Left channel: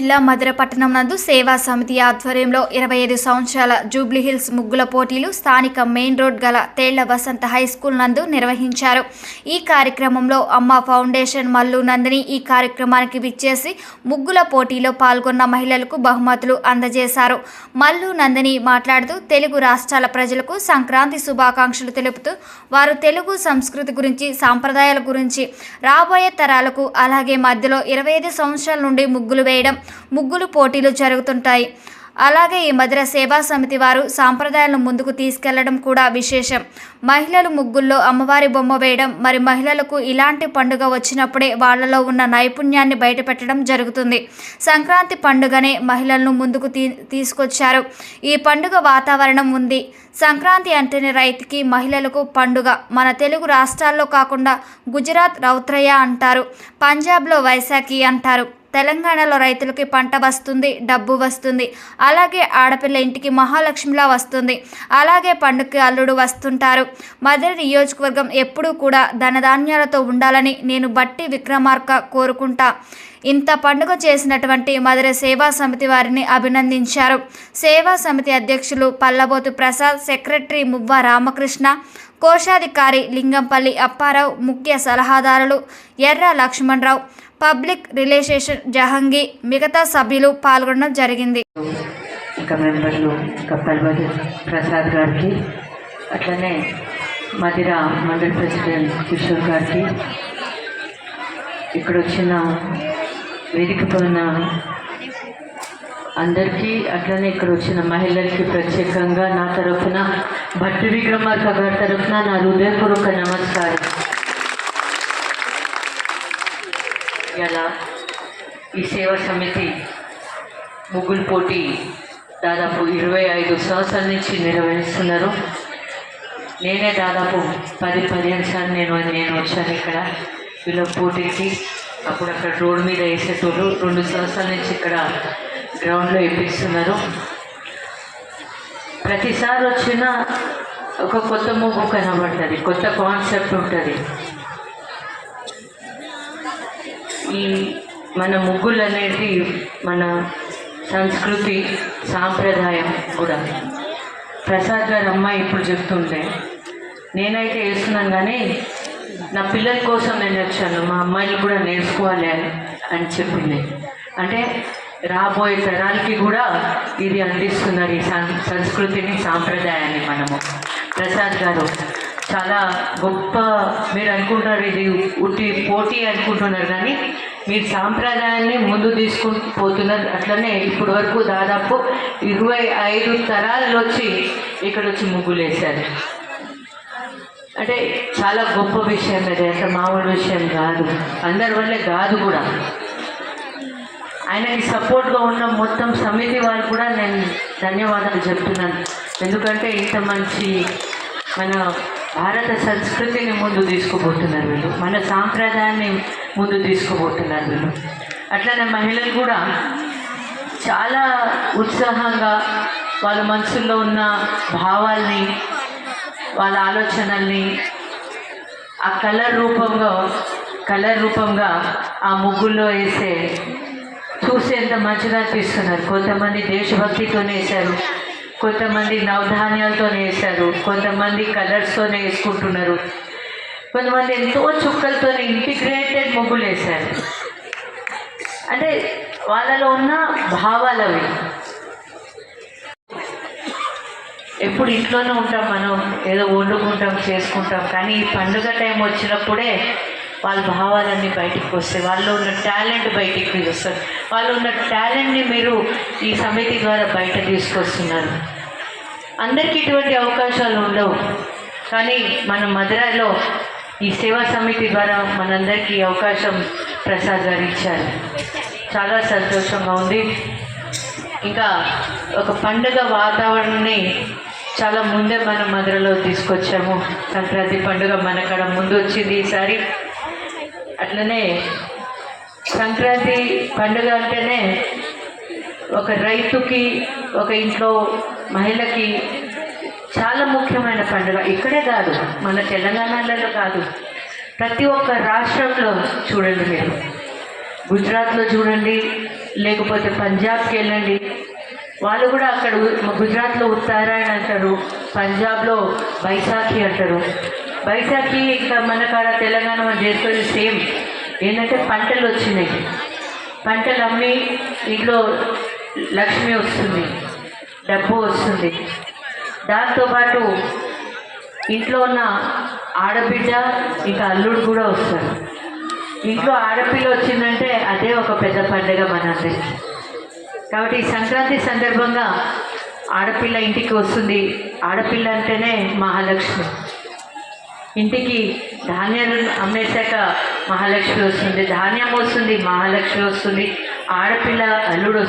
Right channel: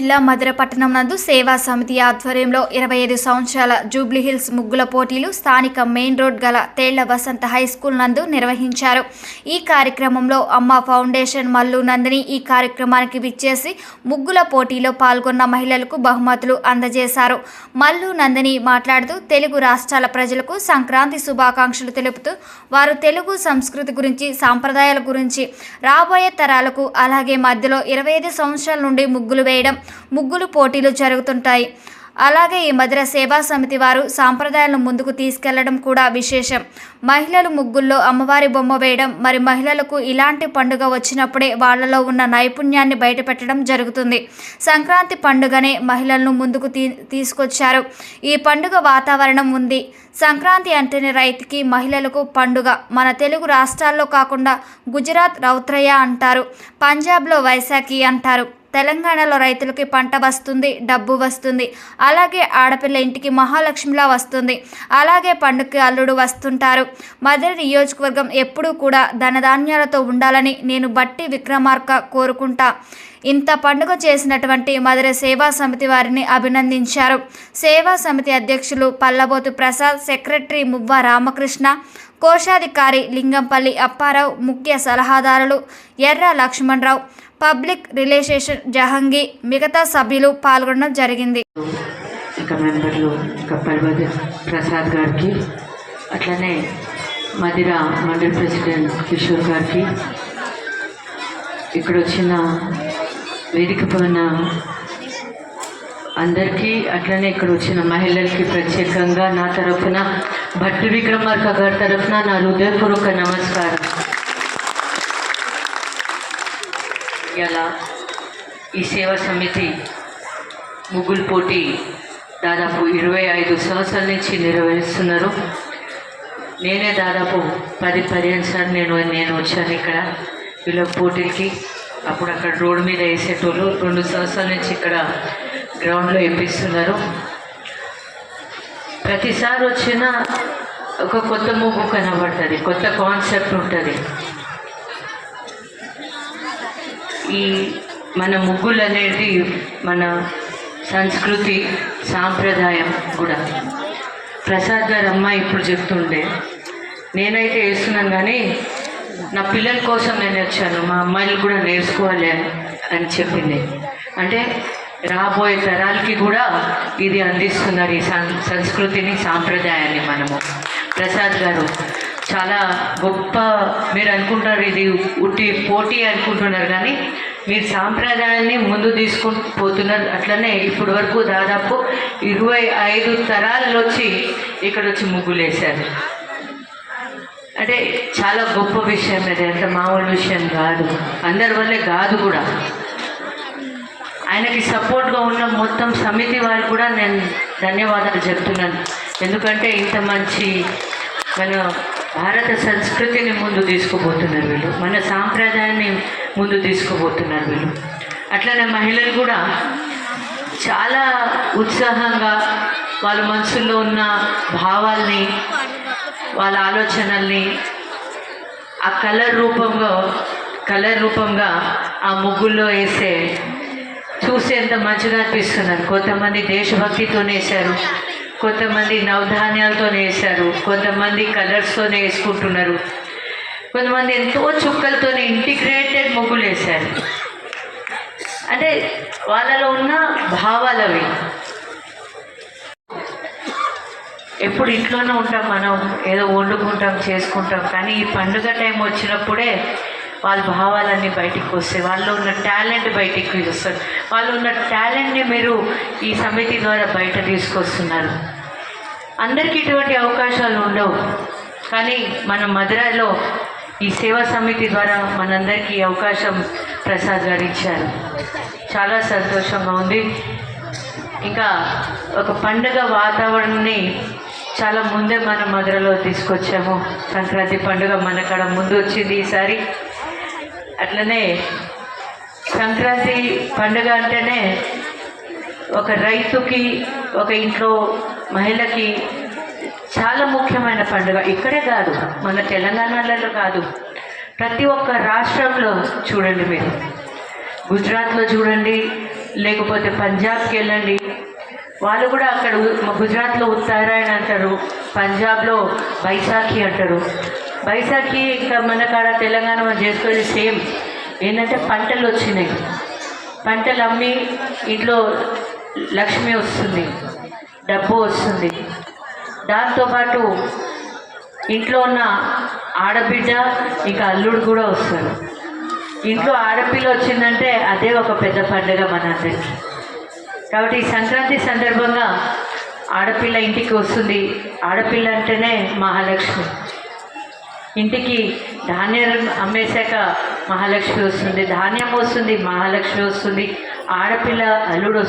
జిల్లా మధుర పట్టణం నందు సేవా సమితి ఆధ్వర్యంలో ఇరవై ఐదు సంవత్సరాల జూబ్లీహిల్స్ ముగ్గుల పోటీలు స్థానిక మెయిన్ రోడ్ గల తేళ్ళ వసంత హై స్కూల్ నందు నిర్వహించారు. ఈ కార్యక్రమంలో అమ్మ ఫౌండేషన్ మల్లు నందిని ఈ కార్యక్రమానికి విచ్చేసి ముగ్గుల పోటీలో పాల్గొన్న మహిళలకు బహుమతులు అందజేశారు. మల్లు నందిని మాట్లాడుతూ తెలుగు రాష్ట్రాల ప్రజలకు సంక్రాంతి శుభాకాంక్షలు తెలుపుతూ వారు తెలుగు సంస్కృతి గురించి సాంప్రదాయాల గురించి రాబోయే తరాలకు అలాగే మధ్యలో ఇరవై ఐదు సంవత్సరాల నుండి ముగ్గులు వేయడం ముగ్గులు పోటీలు జరుగుతుంటాయి. అలాగే ఈ మధుర సేవా సమితి వారు సాంప్రదాయాలను ముందుకు తీసుకెళ్ళడం కూడా విశేషం. మహిళలు ముగ్గుల్లో అమ్మవారి బొమ్మ వేయడం మరి మహిళలకు ఇలాంటి పండుగ వచ్చినప్పుడే వాళ్ళలో ఉన్న నైపుణ్యాన్ని బయటపెట్టడం జరుగుతుంది. సంక్రాంతి పండుగనే మహిళలను ముందుకు తీ తీసుకొచ్చారు. ఈ పండుగ వాతావరణం ఉంది. సంక్రాంతి అంటేనే రైతుకి మహిళలకు పండుగ. మన తెలుగు రాష్ట్రాల్లో కాకుండా గుజరాత్ రౌత్రయ అంటారు. పంజాబ్లో వైశాఖి అంటారు. తెలంగాణలో రైతులకి పంట వస్తుంది డబ్బు వస్తుంది. అలాగే ఆడపిల్ల ఇంటికి మహాలక్ష్మిలా వస్తుంది. అలాగే పండుగకి అల్లుడు వస్తుంటారు. మధుర నియోజకవర్గం ఎప్పుడూ కూడా ధనధాన్యాలతో ఉండాలని నేను బట్టి విక్రమార్క కోరుకుంటా. ఇంత పండుగ చేసినటువంటి మధుర సేవా సమితి వారిని అభినందించారు. సేవా సమితి అధ్యక్షులు పల్లబోతు ప్రసాద్ సెక్రటరీ మువ్వ రామకృష్ణ కోశాధికారి లింగంపల్లి అప్పారావు ముఖ్య సలహాదారులు ఎర్ర లక్ష్మణరావు పబ్లిక్ రిలేషన్ జహంగీ మిగతా సభ్యులు పాల్గొనడం జరిగింది. ఇంకా మెంబర్లు కప్పల్బది ప్రసాద్ గారికి అట్లనే మదిర మండల్ ప్రెసిడెంట్ కిషోర్ గారికి ఇక్కడ వచ్చిన వేదికపై ఉన్న అందరికీ అట్లనే ఇక్కడ వచ్చిన మహిళలకి ప్రత్యేకంగా నా తరఫున భట్టి విక్రమార్క గారి తరఫున నా హృదయపూర్వక నమస్కారం. ఇలా ఈ సేవా సమితి ముగ్గులు పోటీ దాదాపు ఇరవై ఐదు సంవత్సరాల నుంచి నిర్వహిస్తున్నారు. నేనే దాదాపు పది పదిహేను సార్లు నేను నేను వచ్చాను ఇక్కడ. వీళ్ళ పోటీకి అప్పుడు అక్కడ రోడ్డు మీద వేసేటోళ్ళు రెండు సంవత్సరాల నుంచి ఇక్కడ గ్రౌండ్లో వేపిస్తున్నారు. ప్రతిసారి వచ్చిన ఒక కొత్త ముగ్గు కనబడుతుంది కొత్త కాన్సెప్ట్ ఉంటుంది. ఈ మన ముగ్గులు అనేది మన సంస్కృతి సాంప్రదాయం కూడా. ప్రసాద్ గారు అమ్మ ఇప్పుడు చెప్తుండే నేనైతే వేస్తున్నాను కానీ నా పిల్లల కోసం నేను వచ్చాను మా అమ్మాయిలు కూడా నేర్చుకోవాలి అని అని చెప్పింది. అంటే రాబోయే తరాలకి కూడా ఇది అందిస్తున్నారు ఈ సం సంస్కృతిని సాంప్రదాయాన్ని మనము. ప్రసాద్ గారు చాలా గొప్ప మీరు అనుకుంటారు ఇది ఉట్టి పోటీ అనుకుంటున్నారు కానీ మీరు సాంప్రదాయాన్ని ముందు తీసుకుని పోతున్నారు. అట్లనే ఇప్పటి వరకు దాదాపు ఇరవై ఐదు తరాలు వచ్చి ఇక్కడ వచ్చి ముగ్గులు వేశారు అంటే చాలా గొప్ప విషయం ఇది అంటే మామూలు విషయం కాదు. అందరి వల్లే కాదు కూడా. ఆయనకి సపోర్ట్గా ఉన్న మొత్తం సమితి వాళ్ళు కూడా నేను ధన్యవాదాలు చెప్తున్నాను. ఎందుకంటే ఇంత మంచి మన భారత సంస్కృతిని ముందు తీసుకుపోతున్నారు వీళ్ళు. మన సాంప్రదాయాన్ని ముందు తీసుకుపోతున్నారు వీళ్ళు. అట్లనే మహిళలు కూడా చాలా ఉత్సాహంగా వాళ్ళ మనసుల్లో ఉన్న భావాల్ని వాళ్ళ ఆలోచనల్ని ఆ కలర్ రూపంలో కలర్ రూపంగా ఆ ముగ్గుల్లో వేసే చూసేంత మంచిగా అనిపిస్తున్నారు. కొంతమంది దేశభక్తితోనే వేశారు. కొంతమంది నవధాన్యాలతో వేశారు కొంతమంది కలర్స్తోనే వేసుకుంటున్నారు. కొంతమంది ఎంతో చుక్కలతో ఇంటిగ్రేటెడ్ ముగ్గులు వేశారు. అంటే వాళ్ళలో ఉన్న భావాలు అవి ఎప్పుడు ఇంట్లోనే ఉంటాం మనం ఏదో వండుకుంటాం చేసుకుంటాం కానీ ఈ పండుగ టైం వచ్చినప్పుడే వాళ్ళ భావాలన్నీ బయటికి వస్తాయి. వాళ్ళు ఉన్న టాలెంట్ బయటికి వస్తారు వాళ్ళు ఉన్న టాలెంట్ని మీరు ఈ సమితి ద్వారా బయట తీసుకొస్తున్నారు. అందరికీ ఇటువంటి అవకాశాలు ఉండవు. కానీ మన మధురైలో ఈ సేవా సమితి ద్వారా మనందరికీ ఈ అవకాశం ప్రసాద్ ఇచ్చారు. చాలా సంతోషంగా ఉంది. ఇంకా ఒక పండుగ వాతావరణాన్ని చాలా ముందే మనం మధురలో తీసుకొచ్చాము. సంక్రాంతి పండుగ మనకడ ముందు వచ్చింది ఈసారి. అట్లనే సంక్రాంతి పండుగ అంటేనే ఒక రైతుకి ఒక ఇంట్లో మహిళకి చాలా ముఖ్యమైన పండుగ. ఇక్కడే కాదు మన తెలంగాణలో కాదు. ప్రతి ఒక్క రాష్ట్రంలో చూడండి మీరు. గుజరాత్లో చూడండి లేకపోతే పంజాబ్కి వెళ్ళండి. వాళ్ళు కూడా అక్కడ గుజరాత్లో ఉత్తరాయణ అంటారు పంజాబ్లో బైసాఖి అంటారు. వైశాఖి ఇంకా మన కాడ తెలంగాణ చేసుకునే సేమ్. ఏంటంటే పంటలు వచ్చినాయి. పంటలు అమ్మి ఇంట్లో లక్ష్మి వస్తుంది. డబ్బు వస్తుంది. దాంతోపాటు ఇంట్లో ఉన్న ఆడబిడ్డ ఇంకా అల్లుడు కూడా వస్తారు. ఇంట్లో ఆడపిల్ల వచ్చిందంటే అదే ఒక పెద్ద పండుగ మనందరికీ కాబట్టి ఈ సంక్రాంతి సందర్భంగా ఆడపిల్ల ఇంటికి వస్తుంది. ఆడపిల్ల అంటేనే మహాలక్ష్మి. ఇంటికి ధాన్యం అమ్మేశాక మహాలక్ష్మి వస్తుంది ధాన్యం వస్తుంది మహాలక్ష్మి వస్తుంది. ఆడపిల్ల అల్లుడు